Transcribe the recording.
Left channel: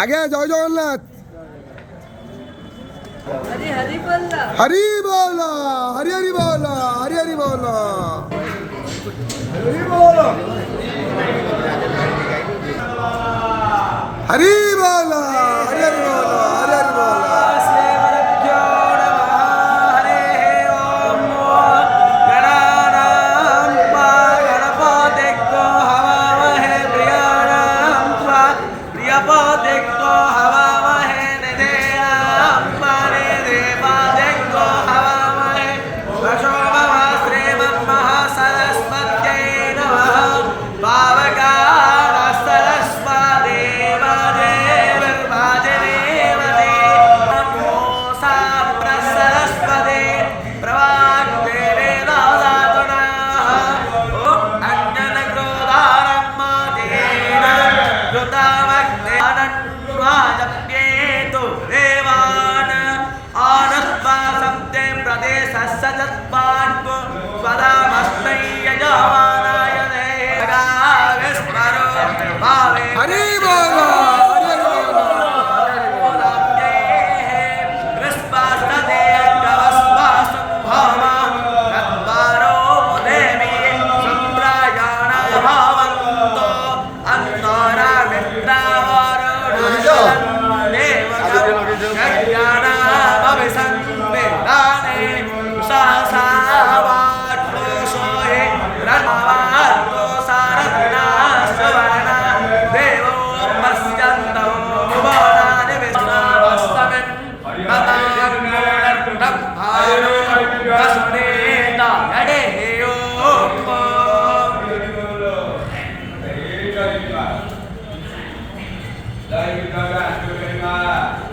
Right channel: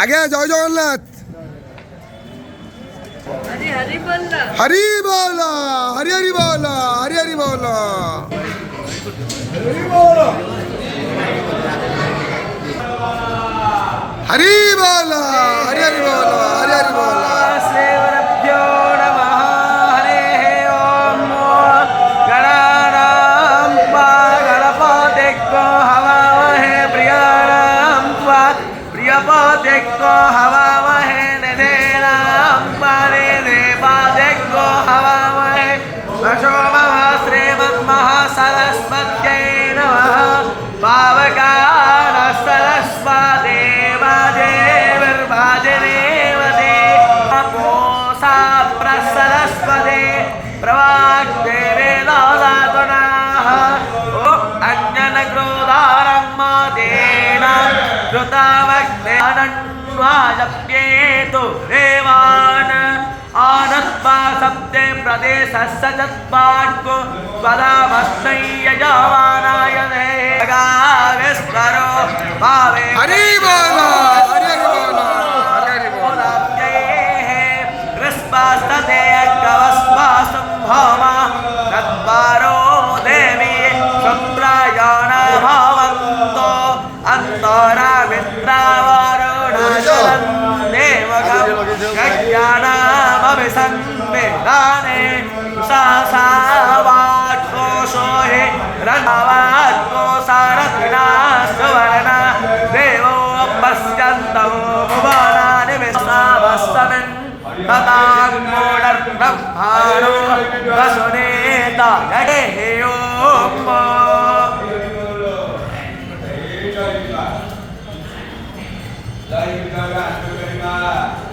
আগে জয় জগন্নাথ। হরি বল, হরি হরি বল, হরি হরি বল, হরি বল, হরি হরি বল, হরি হরি বল। हरी बोल, हरी हरी बोल, हरी हरी बोल। Dari